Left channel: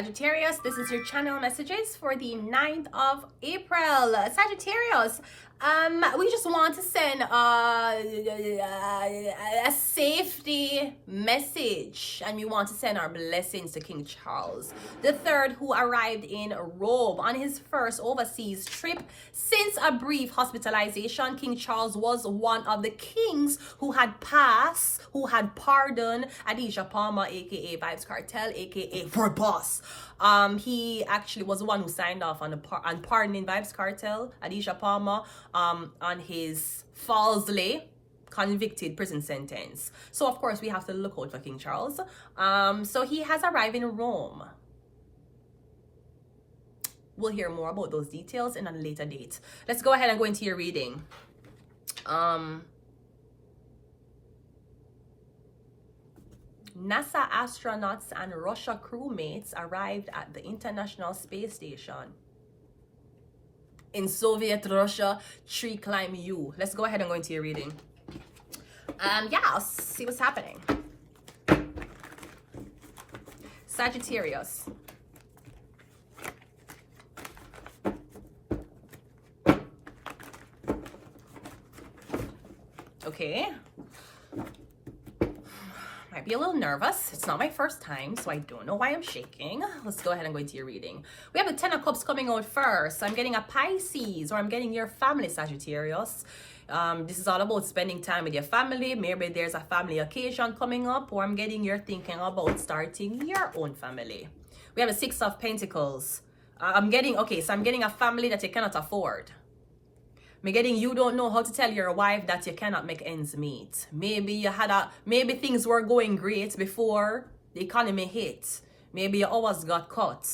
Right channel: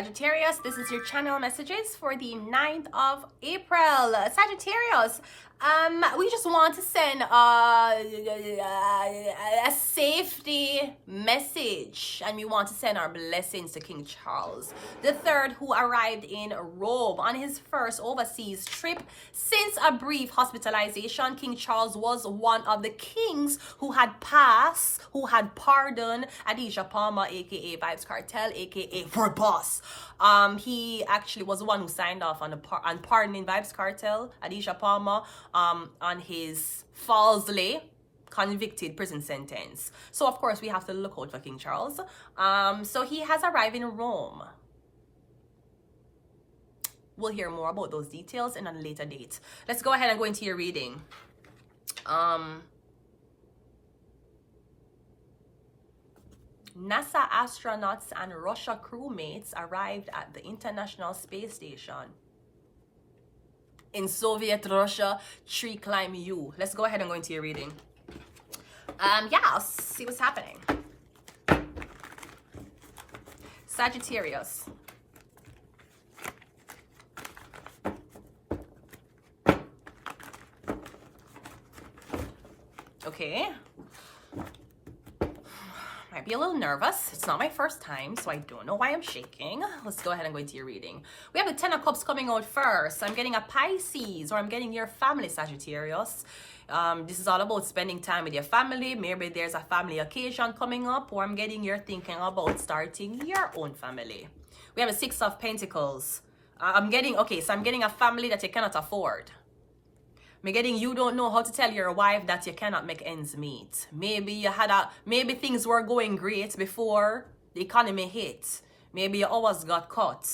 Sagittarius. This is your channel messages for the 9th of April. Sagittarius, we just want to send a safety message, and we want to send our blessings to King Charles III, who arrived in Rome on his first overseas trip since a brief hospitalization. King Charles was one of the kings who had pardoned Adisha Palmer, aka Vybz Kartel, aka her boss. He actually was the one who signed off on pardoning Vybz Kartel, Adisha Palmer, on his falsely convicted prison sentence. So of course we have to look out for King Charles. So he has arrived in Rome. We'll hear more about those details in a later date. Let's go ahead and go into your reading. NASA astronauts and Russia crewmates arrived at the International Space Station in Soviet Russia. Tree climb you. Let's go ahead and go into your reading. Yeah, I'll see what's happening. Sagittarius. Okay. Might be a little nervous. It's not my first time, so I don't know why I'm shaking. Let's go ahead and go into your reading. We have a 10 of Cups coming out first. I'm getting a Pisces, or I'm getting your family, Sagittarius. This is all about spending time with your family. Maybe there's a family occasion coming up, or I'm getting you're thinking about starting your own family. We have a 6 of Pentacles. I'm getting a family that you cannot afford. I'm getting you don't know how to tell your wife that you cannot make ends meet. Maybe maybe things were going great before the economy hit. Maybe your hours got cut.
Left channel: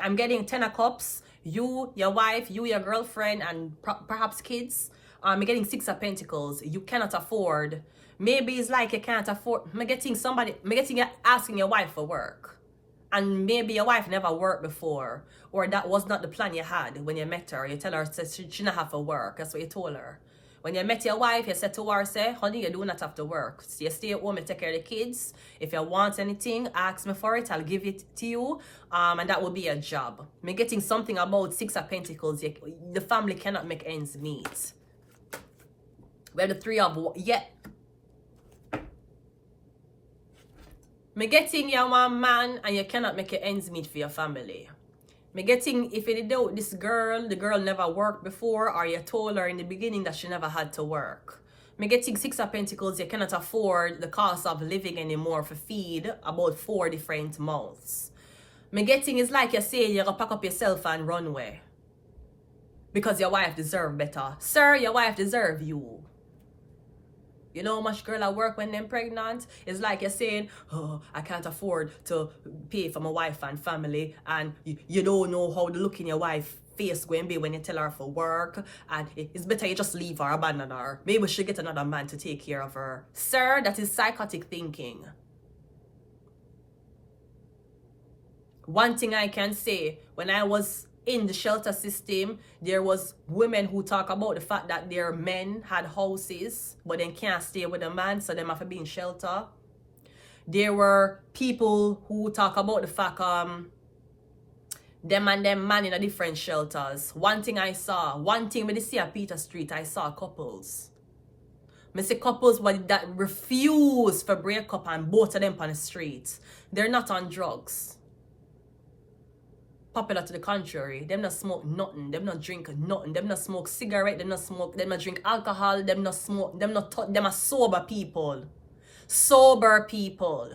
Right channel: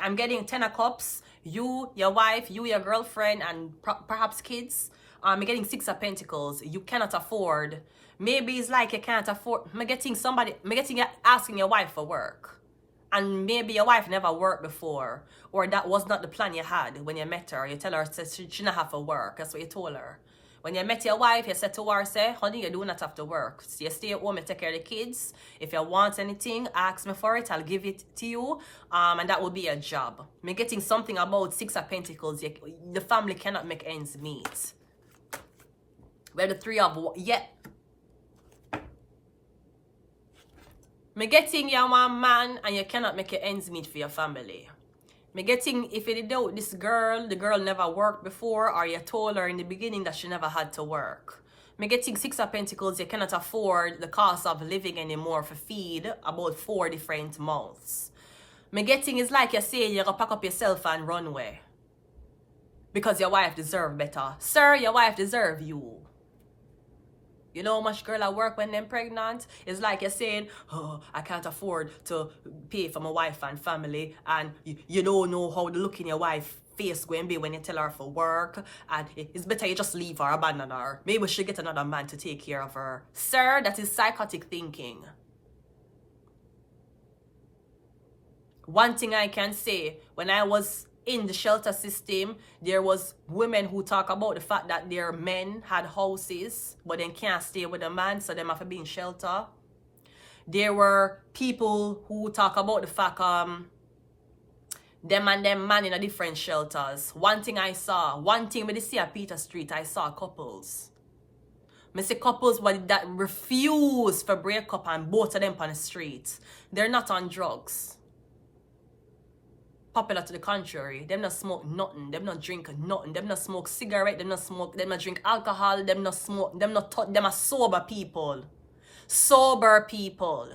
I'm getting 10 of Cups. You, your wife, you, your girlfriend, and perhaps kids. I'm getting 6 of Pentacles. You cannot afford. Maybe it's like you can't afford. I'm getting you asking your wife for work. And maybe your wife never worked before, or that was not the plan you had when you met her. You tell her she shouldn't have to work. That's what you told her. When you met your wife, you said to her, say, honey, you do not have to work. So you stay at home and take care of the kids. If you want anything, ask me for it. I'll give it to you. And that will be a job. I'm getting something about 6 of Pentacles. The family cannot make ends meet. We have the 3 of... Yeah. Me getting you one man and you cannot make your ends meet for your family. Me getting, if you doubt this girl, the girl never worked before, or you told her in the beginning that she never had to work. Me getting 6 of Pentacles, you cannot afford the cost of living anymore for feed about 4 different mouths. Me getting is like you say you're gonna pack up yourself and run away. Because your wife deserve better. Sir, your wife deserve you. You know how much girl I work when they're pregnant? It's like you're saying, oh, I can't afford to pay for my wife and family. And you don't know how the look in your wife's face going to be when you tell her for work. And it's better you just leave her, abandon her. Maybe she'll get another man to take care of her. Sir, that is psychotic thinking. One thing I can say, when I was in the shelter system, there was women who talk about the fact that their men had houses, but they can't stay with a man, so they have to be in shelter. There were people who talk about the fact them and them man in a different shelters. One thing with the see at Peter Street, I saw couples. I see couples that refuse for break up, and both of them on the streets. They're not on drugs. Popular to the contrary, them not smoke nothing, them not drink nothing, them not smoke cigarette, them not drink alcohol, them are sober people. Sober people.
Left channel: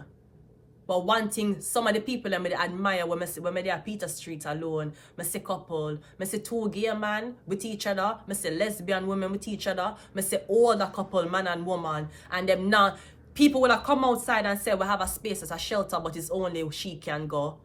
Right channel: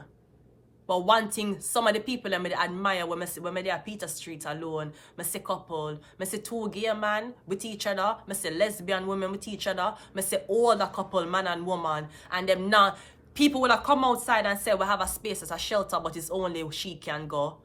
But one thing, some of the people that I admire when I at Peter Street alone, I see couple, I see 2 gay men with each other, I see lesbian women with each other, I see older couple, man and woman, and them not, people will come outside and say we have a space as a shelter, but it's only she can go.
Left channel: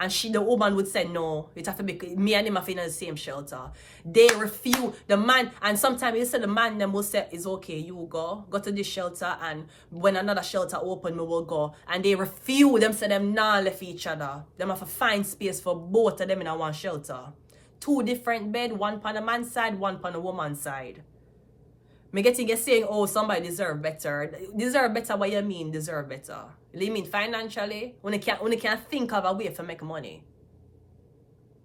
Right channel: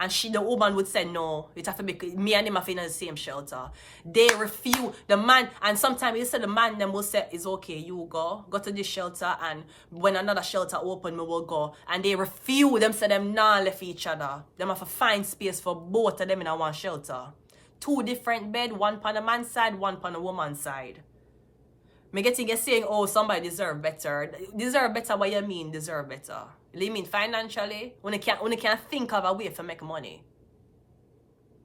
And the woman would say, no, it have to be me and him are in the same shelter. They refuse. The man, and sometimes you say the man them will say, it's okay, you go to this shelter, and when another shelter open, we will go. And they refuse them, so them not left each other. Them have to find space for both of them in a one shelter. 2 different bed, one on the man's side, one on the woman's side. Me getting you saying, oh, somebody deserve better. Deserve better, what you mean deserve better? You mean financially? When you can't think of a way to make money.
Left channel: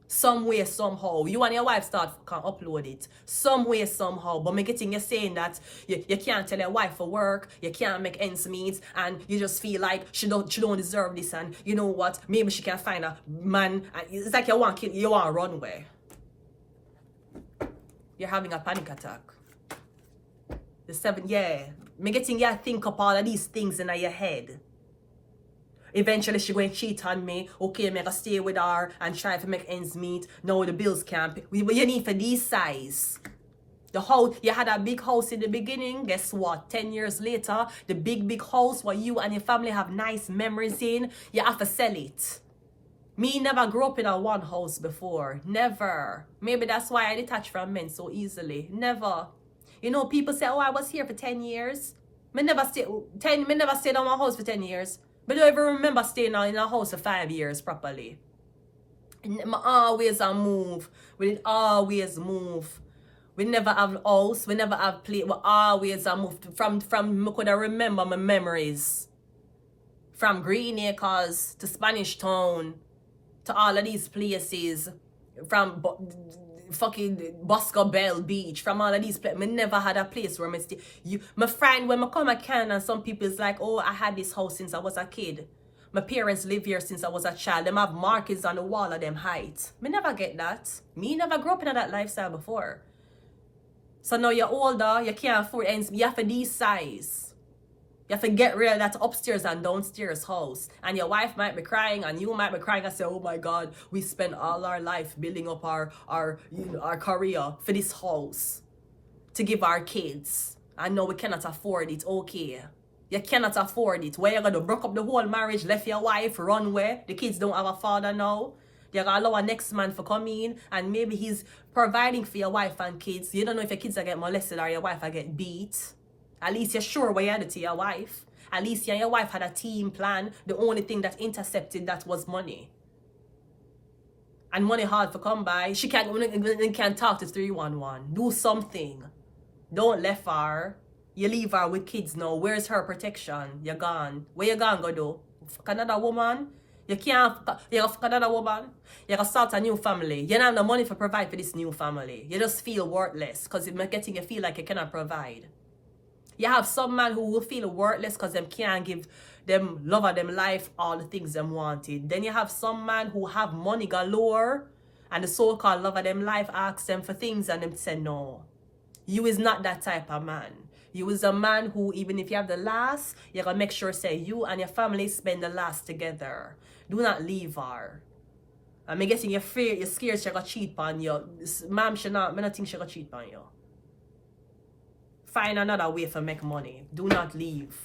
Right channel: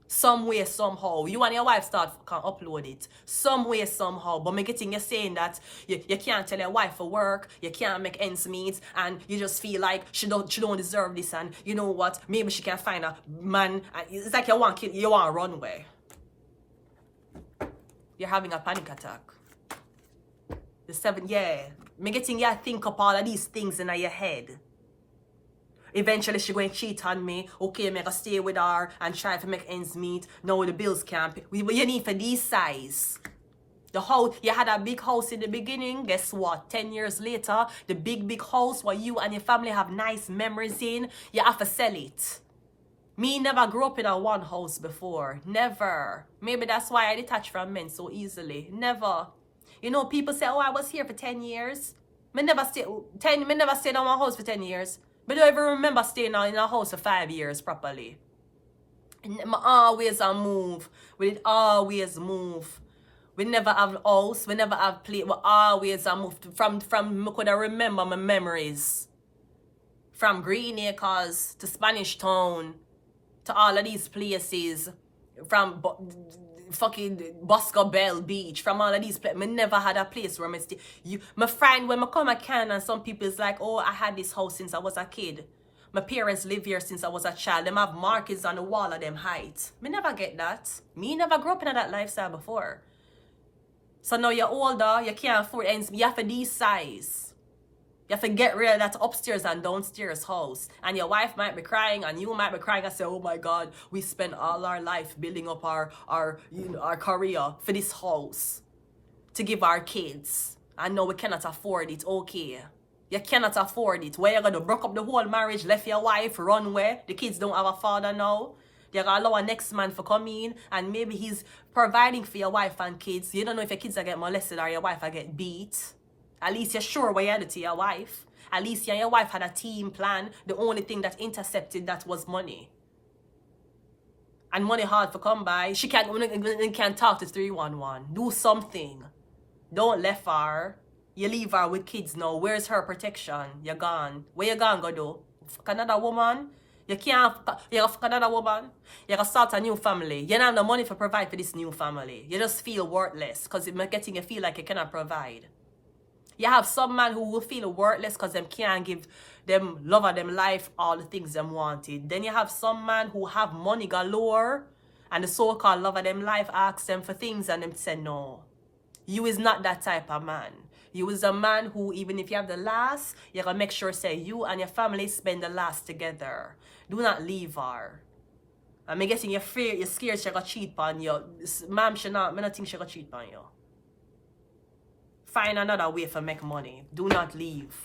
Some way, somehow. You and your wife can upload it. Some way, somehow. But me getting you saying that you can't tell your wife for work, you can't make ends meet, and you just feel like she don't deserve this, and you know what? Maybe she can find a man. It's like you want to run away. You're having a panic attack. The 7, yeah. Me getting you think up all of these things in your head. Eventually she going to cheat on me. Okay, me gonna stay with her and try to make ends meet. No, the bills can't pay. You need for these size. The house, you had a big house in the beginning. Guess what? 10 years later, the big house where you and your family have nice memories in, you have to sell it. Me never grew up in a one house before. Never. Maybe that's why I detach from men so easily. Never. You know, people say, oh, I was here for 10 years. Me never stayed in my house for 10 years. But I don't even remember staying in a house for 5 years properly. And always a move. We always move. We never have a house. We never have play. We always a move. From I could remember my memories. From Green Acres to Spanish Town to all of these places. From fucking Bosco Bell Beach, from all of these places. I never had a place where I stay. My friend, when I come at Canada, and some people is like, oh, I had this house since I was a kid. My parents live here since I was a child. Them have markings on the wall of them height. Me never get that. Me never grew up in that lifestyle before. So now you're older, you can't afford ends. You have to these size. You have to get rid of that upstairs and downstairs house. And your wife might be crying and you might be crying and say, oh my God, we spent all our life building up our career for this house to give our kids. And now we cannot afford it. Okay. You cannot afford it. Where you going to break up the whole marriage, left your wife, run away? The kids don't have a father now. You're going to allow a next man to come in and maybe he's providing for your wife and kids. You don't know if your kids are get molested or your wife are get beat. At least you're sure what you had to your wife. At least you and your wife had a team plan. The only thing that intercepted that was money. And money hard to come by. She can't talk to 311. Do something. Don't left her. You leave her with kids now. Where's her protection? You're gone. Where you gone go do? Fuck another woman? You can't fuck another woman? You're gonna start a new family. You don't have the money to provide for this new family. You just feel worthless because it's getting you feel like you cannot provide. You have some man who will feel worthless because them can't give them love of them life all the things them wanted. Then you have some man who have money galore and the so-called love of them life asks them for things and them say no. You is not that type of man. You is a man who even if you have the last, you're going to make sure say you and your family spend the last together. Do not leave her. I'm guessing you're scared she's going to cheat on you. Ma'am, I don't think she's going to cheat on you. Find another way to make money. Do not leave.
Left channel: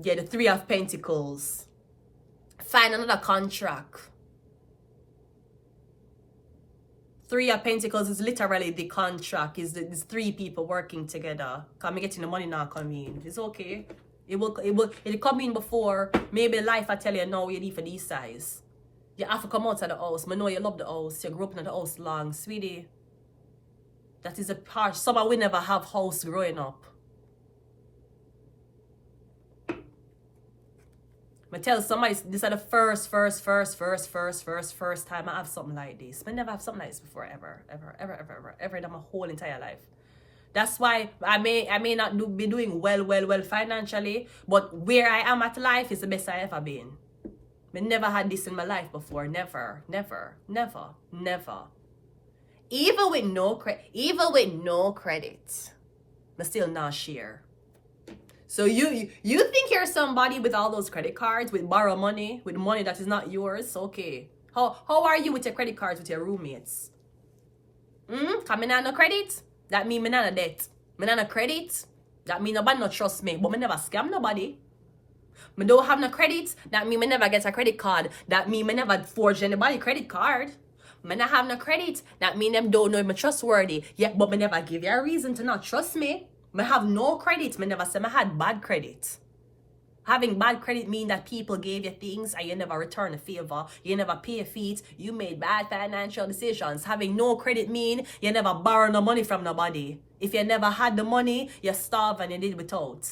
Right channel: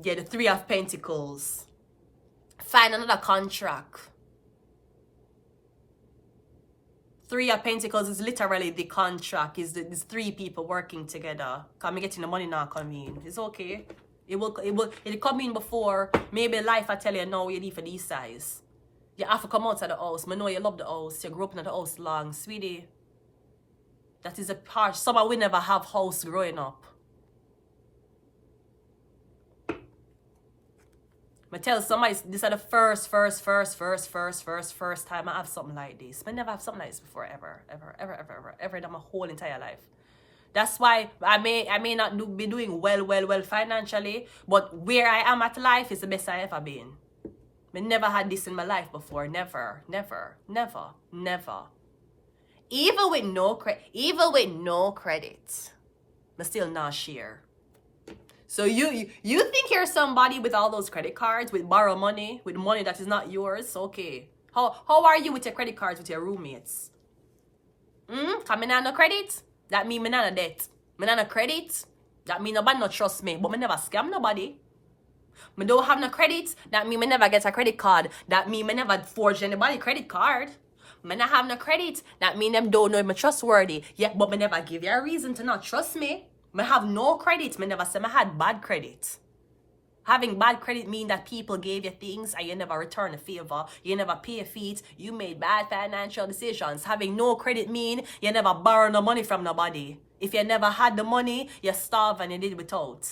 Get the 3 of Pentacles. Find another contract. 3 of Pentacles is literally the contract. It's 3 people working together. Because I'm getting the money now come in. It's okay. It'll come in before. Maybe life I tell you no, you need for these size. You have to come out of the house. I know you love the house. You grew up in the house long. Sweetie. That is a part. Some we never have house growing up. I tell somebody this is the first time I have something like this. I never have something like this before ever in my whole entire life. That's why I may not be doing well financially, but where I am at life is the best I ever been. I never had this in my life before. Never. Even with no credit, I still not share. So you think you're somebody with all those credit cards, with borrow money, with money that is not yours? Okay. How are you with your credit cards with your roommates? Coming on no credit? That mean me not a debt. Me not a credit? That mean nobody not trust me. But me never scam nobody. Me don't have no credit? That mean me never get a credit card. That mean me never forge anybody credit card. Me not have no credit. That mean them don't know me trustworthy. Yeah, but me never give you a reason to not trust me. Me have no credit. Me never say me had bad credit. Having bad credit mean that people gave you things and you never return a favor. You never pay fees. You made bad financial decisions. Having no credit mean you never borrow no money from nobody. If you never had the money, you starve and you did without.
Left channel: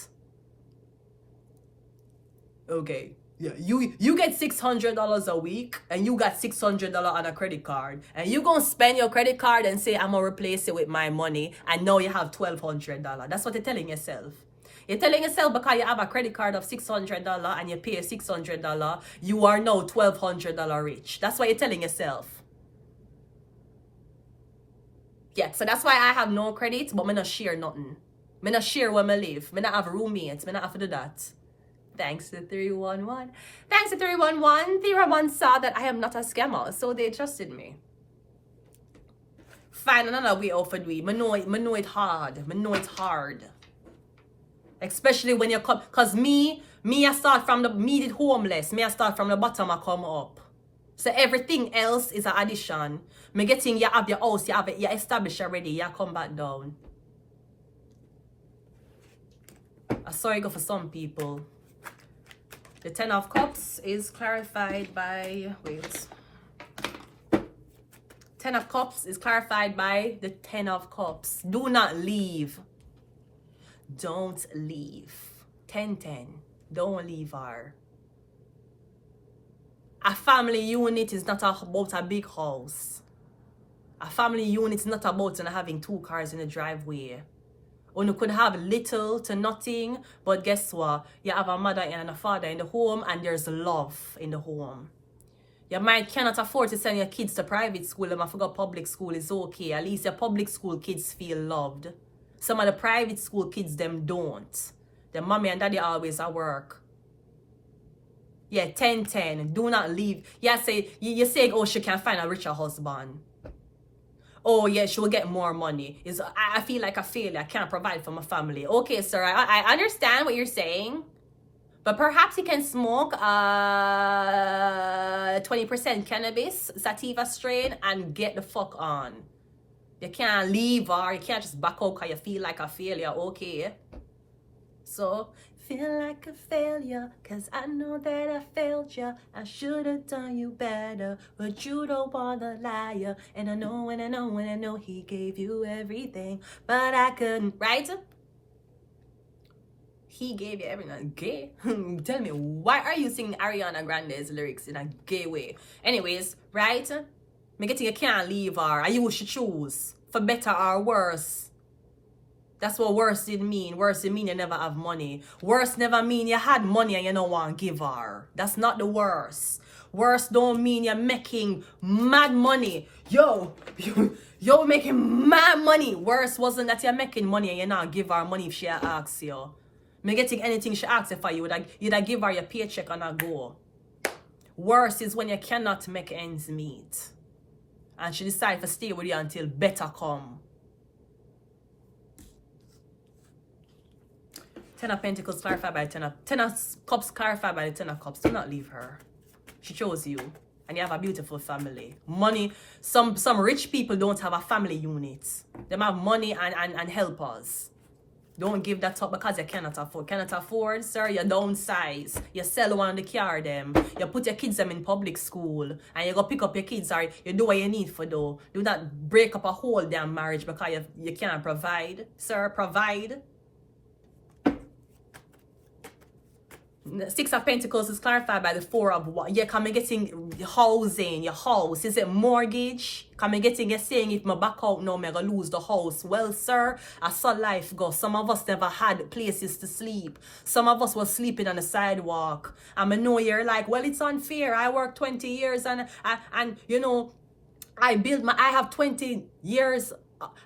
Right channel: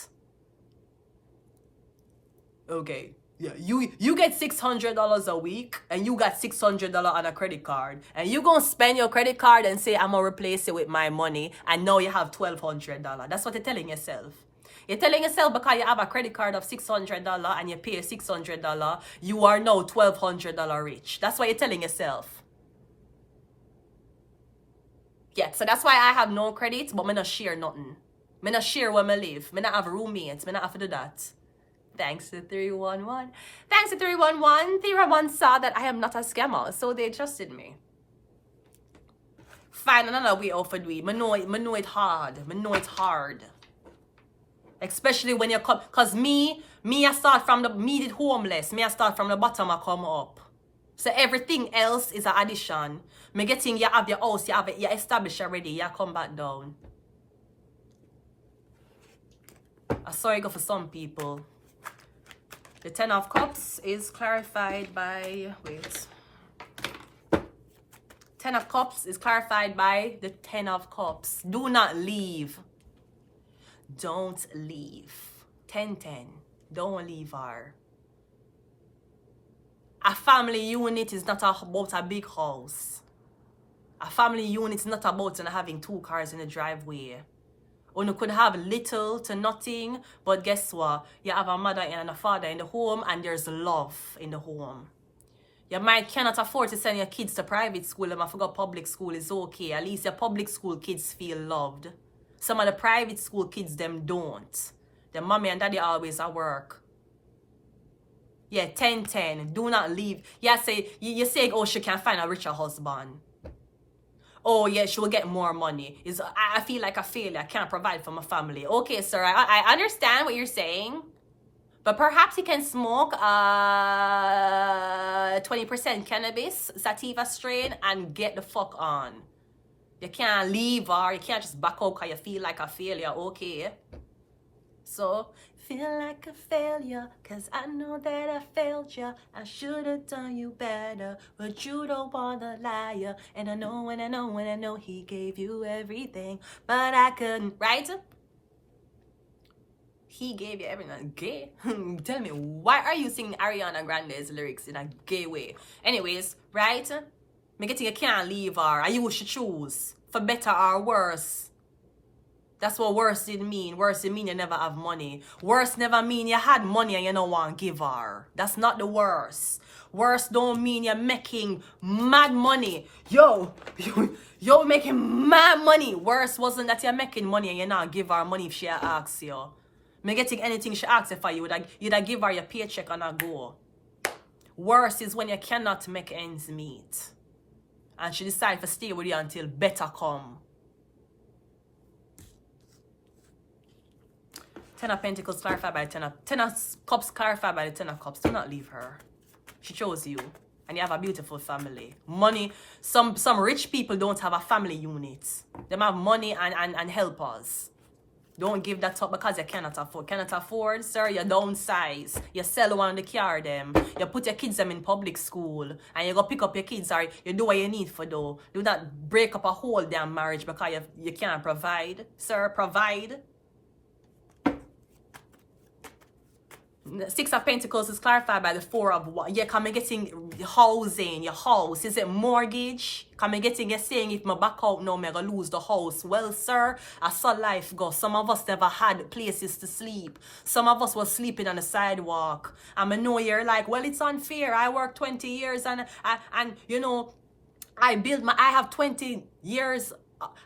Okay. Yeah, you get $600 a week and you got $600 on a credit card and you gonna spend your credit card and say I'm gonna replace it with my money and now you have $1,200. That's what you're telling yourself. You're telling yourself because you have a credit card of $600 and you pay $600, you are now $1,200 rich. That's what you're telling yourself. Yeah, so that's why I have no credit, but I not share nothing. I not share where I live. I not have roommates. I not have to do that. Thanks to 311. Thanks to 311. 311 saw that I am not a scammer, so they trusted me. Find another way out for do it. I know it hard. I know it's hard. Especially when you come, cause me I start from the did homeless. Me I start from the bottom, I come up. So everything else is an addition. Me getting you have your house, you have it, you established already, you come back down. I saw it go for some people. The 10 of Cups is clarified by, wait. 10 of Cups is clarified by the 10 of Cups. Do not leave. Don't leave. 10-10. Don't leave her. A family unit is not about a big house. A family unit is not about having 2 cars in the driveway. Or you could have little to nothing, but guess what? You have a mother and a father in the home and there's love in the home. You cannot afford to send your kids to private school and I forgot public school is okay. At least your public school kids feel loved. Some of the private school kids, them don't. Their mommy and daddy always at work. Yeah, 10-10. Do not leave. Yeah, you say, oh, she can find a richer husband. Oh, yeah, she will get more money. I feel like a failure. I can't provide for my family. Okay, sir, I understand what you're saying. But perhaps you can smoke 20% cannabis, sativa strain, and get the fuck on. You can't leave her. You can't just back out because you feel like a failure. Okay. So, feel like a failure because I know that I failed you. I should have done you better, but you don't want a liar. And I know he gave you everything, but I couldn't. Right? He gave you everything. Gay? Tell me, why are you singing Ariana Grande's lyrics in a gay way? Anyways, right? Me getting you can't leave her. And you should choose for better or worse. That's what worse did mean. Worse did mean you never have money. Worse never mean you had money and you don't want to give her. That's not the worst. Worse don't mean you're making mad money. Yo, making mad money. Worse wasn't that you're making money and you not give her money if she asks you. Me getting anything she asks for you, you'd give her your paycheck and a go. Worse is when you cannot make ends meet. And she decided to stay with you until better come. 10 of Pentacles clarified by 10 of Cups clarified by the 10 of Cups. Do not leave her. She chose you. And you have a beautiful family. Money. Some rich people don't have a family unit. They have money and helpers. Don't give that up because you cannot afford. Cannot afford, sir, you downsize. You sell one of the car them. You put your kids them in public school. And you go pick up your kids or you do what you need for though. Do not break up a whole damn marriage because you can't provide. Sir, provide. 6 of Pentacles is clarified by the 4 of what? Yeah, come getting housing, your house. Is it mortgage? Come getting you saying if my back out now, I'm gonna lose the house. Well, sir, I saw life go. Some of us never had places to sleep. Some of us was sleeping on the sidewalk. And I know you're like, well, it's unfair. I worked 20 years and you know, I have 20 years.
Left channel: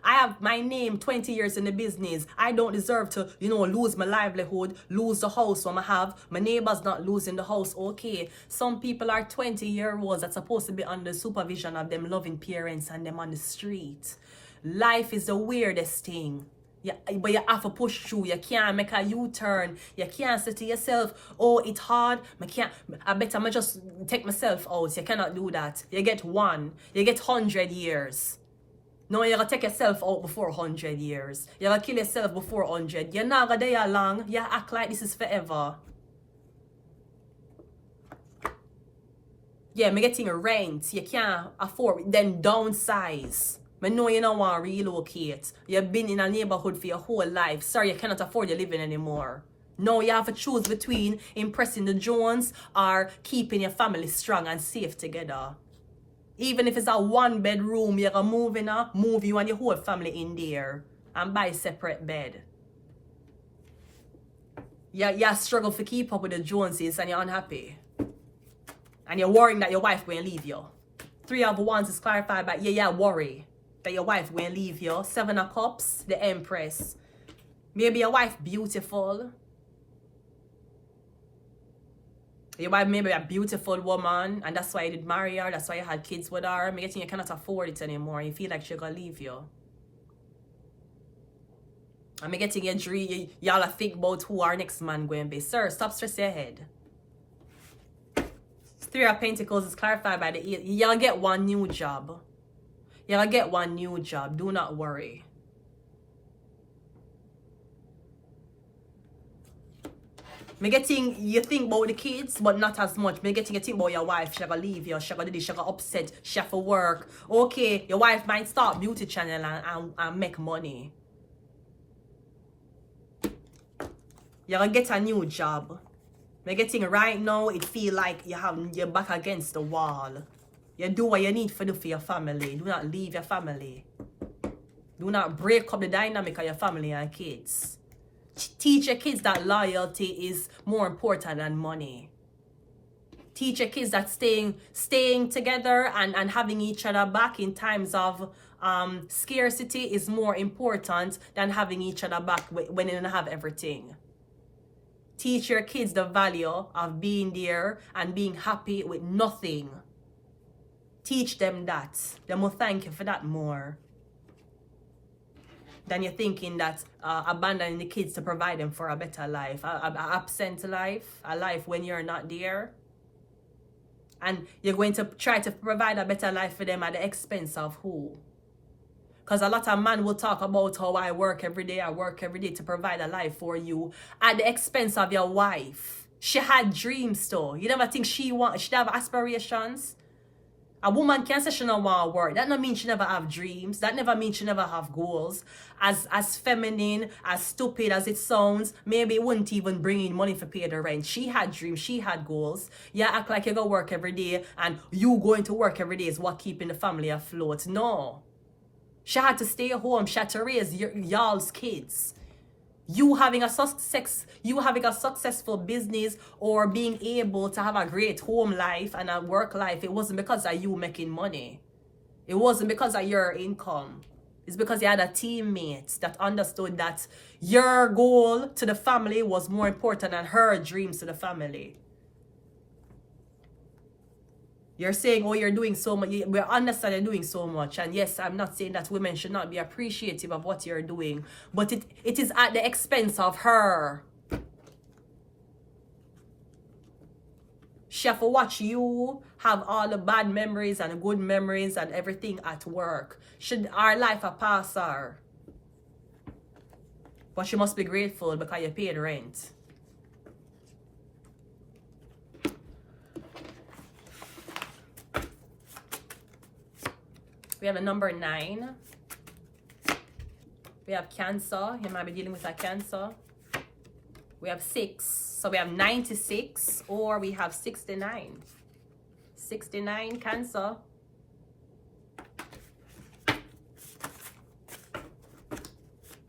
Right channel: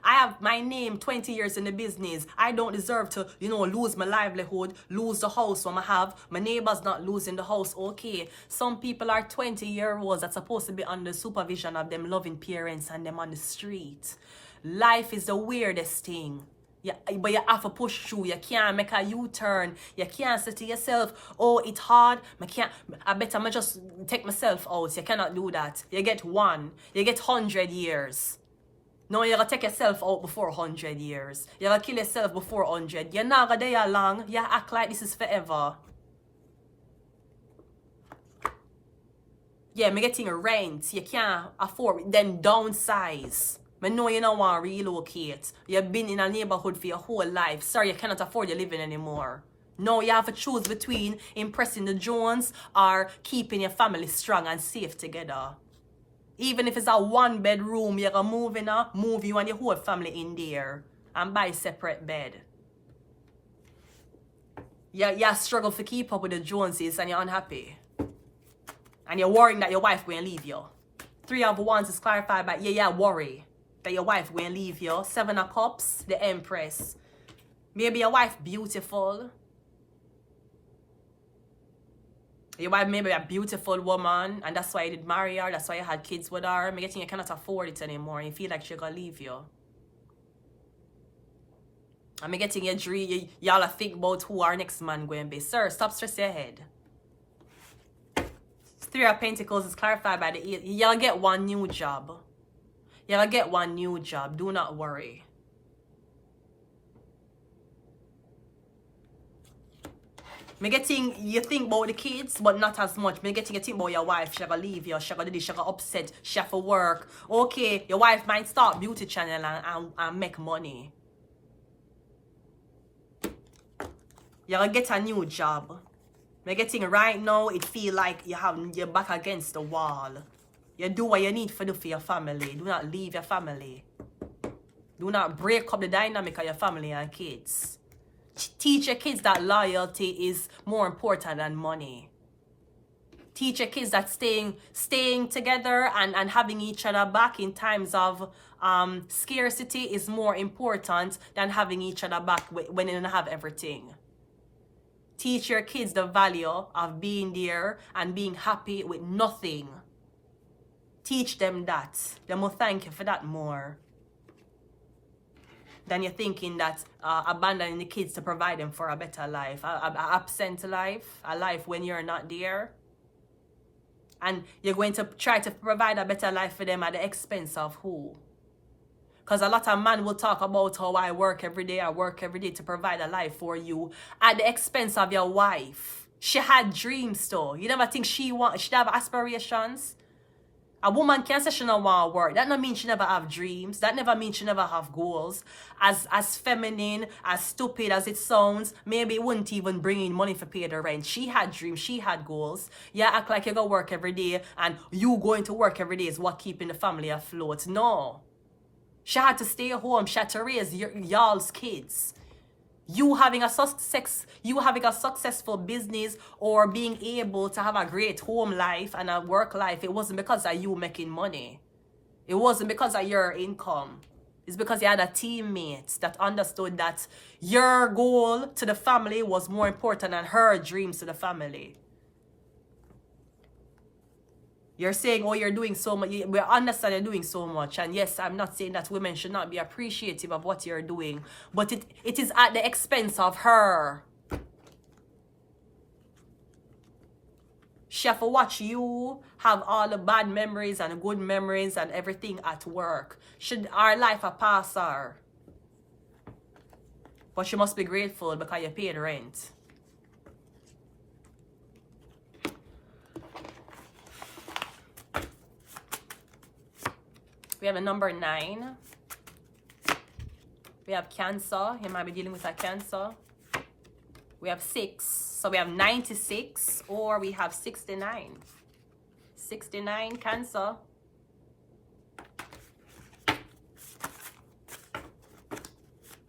I have my name 20 years in the business. I don't deserve to, you know, lose my livelihood, lose the house I have. My neighbor's not losing the house. Okay, some people are 20-year-olds that's supposed to be under supervision of them loving parents and them on the street. Life is the weirdest thing. Yeah, but you have to push through. You can't make a U-turn. You can't say to yourself, oh, it's hard. I bet I'm just take myself out. You cannot do that. You get 1. You get 100 years. No, you're going to take yourself out before 100 years. You're going to kill yourself before 100. You're not going to die long. You act like this is forever. Yeah, me getting a rent. You can't afford it. Then downsize. I know you don't want to relocate. You've been in a neighborhood for your whole life. Sorry, you cannot afford your living anymore. No, you have to choose between impressing the Jones or keeping your family strong and safe together. Even if it's a 1-bedroom, you're going to move you and your whole family in there and buy a separate bed. You struggle to keep up with the Joneses and you're unhappy. And you're worrying that your wife will leave you. 3 of Wands is clarified by, worry that your wife will leave you. 7 of Cups, the Empress. Maybe your wife beautiful. Your wife maybe a beautiful woman, and that's why you did marry her, that's why you had kids with her. I'm getting you cannot afford it anymore. You feel like she's gonna leave you. I'm getting your dream, y'all think about who our next man going to be. Sir, stop stressing your head. 3 of Pentacles is clarified by the 8. Y'all get one new job. Y'all get one new job. Do not worry. Me getting you think about the kids, but not as much. Me getting you think about your wife. She gonna leave you. She gonna do this. She gonna upset. She have to work. Okay, your wife might start beauty channel and make money. You're gonna get a new job. Me getting right now, it feel like you're back against the wall. You do what you need to do for your family. Do not leave your family. Do not break up the dynamic of your family and kids. Teach your kids that loyalty is more important than money. Teach your kids that staying together and having each other back in times of scarcity is more important than having each other back when you don't have everything. Teach your kids the value of being there and being happy with nothing. Teach them that. They will thank you for that more than you're thinking that abandoning the kids to provide them for a better life, a absent life, a life when you're not there. And you're going to try to provide a better life for them at the expense of who? Because a lot of men will talk about how I work every day to provide a life for you at the expense of your wife. She had dreams though. You never think she have aspirations? A woman can't say she don't want to work. That don't mean she never have dreams. That never means she never have goals. As feminine, as stupid as it sounds, maybe it wouldn't even bring in money for pay the rent. She had dreams. She had goals. You act like you go work every day and you going to work every day is what keeping the family afloat. No. She had to stay home. She had to raise y'all's kids. You having a successful business or being able to have a great home life and a work life, it wasn't because of you making money. It wasn't because of your income. It's because you had a teammate that understood that your goal to the family was more important than her dreams to the family. You're saying, oh, you're doing so much. We understand you're doing so much. And yes, I'm not saying that women should not be appreciative of what you're doing. But it is at the expense of her. She have to watch you have all the bad memories and good memories and everything at work. Should our life a pass her? But she must be grateful because you paid rent. We have a number 9. We have Cancer. You might be dealing with a Cancer. We have 6. So we have 96 or we have 69. 69 Cancer.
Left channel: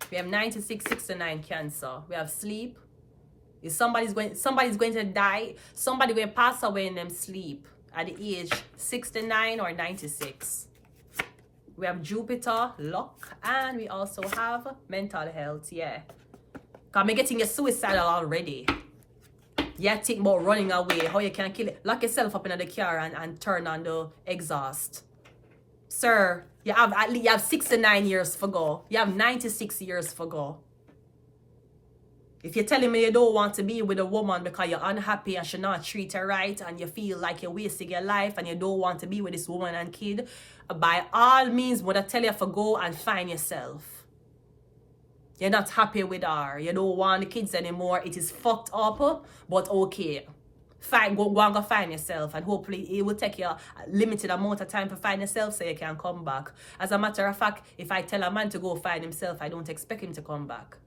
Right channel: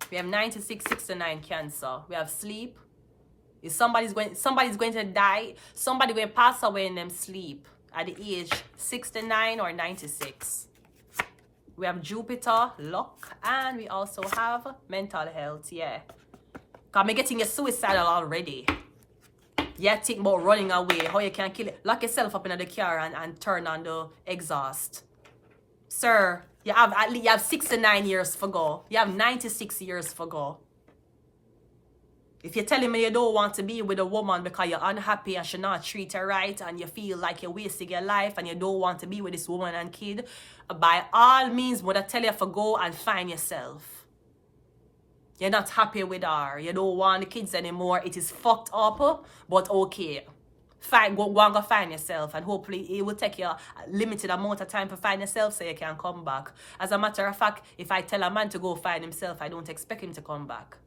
We have 96, 69 Cancer. We have sleep. If somebody's going to die, somebody will pass away in them sleep at the age 69 or 96. We have Jupiter, luck, and we also have mental health, yeah. Because I'm getting you suicidal already. Yeah, think about running away, how you can kill it. Lock yourself up in the car and turn on the exhaust. Sir, you have 69 years to go. You have 96 years to go. If you're telling me you don't want to be with a woman because you're unhappy and she not treat her right and you feel like you're wasting your life and you don't want to be with this woman and kid, by all means, would I tell you to go and find yourself. You're not happy with her. You don't want the kids anymore. It is fucked up, but okay. Go and go find yourself, and hopefully it will take you a limited amount of time to find yourself so you can come back. As a matter of fact, if I tell a man to go find himself, I don't expect him to come back.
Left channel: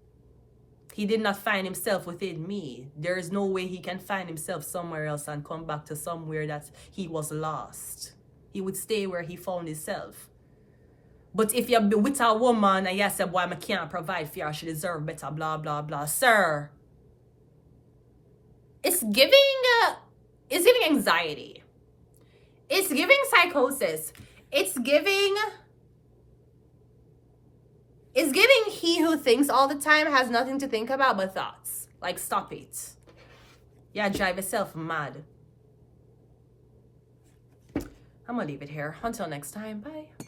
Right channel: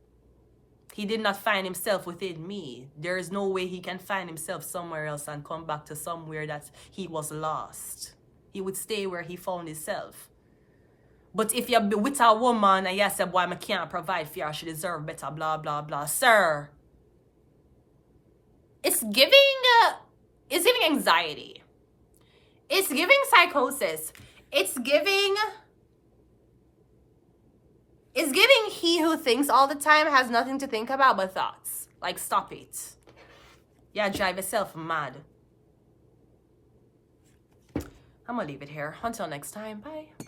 He did not find himself within me. There is no way he can find himself somewhere else and come back to somewhere that he was lost. He would stay where he found himself. But if you're with a woman and you say, boy, I can't provide for her, she deserves better, blah, blah, blah. Sir, it's giving anxiety. It's giving psychosis. It's giving he who thinks all the time has nothing to think about but thoughts. Like, stop it. Yeah, drive yourself mad. I'm gonna leave it here. Until next time, bye.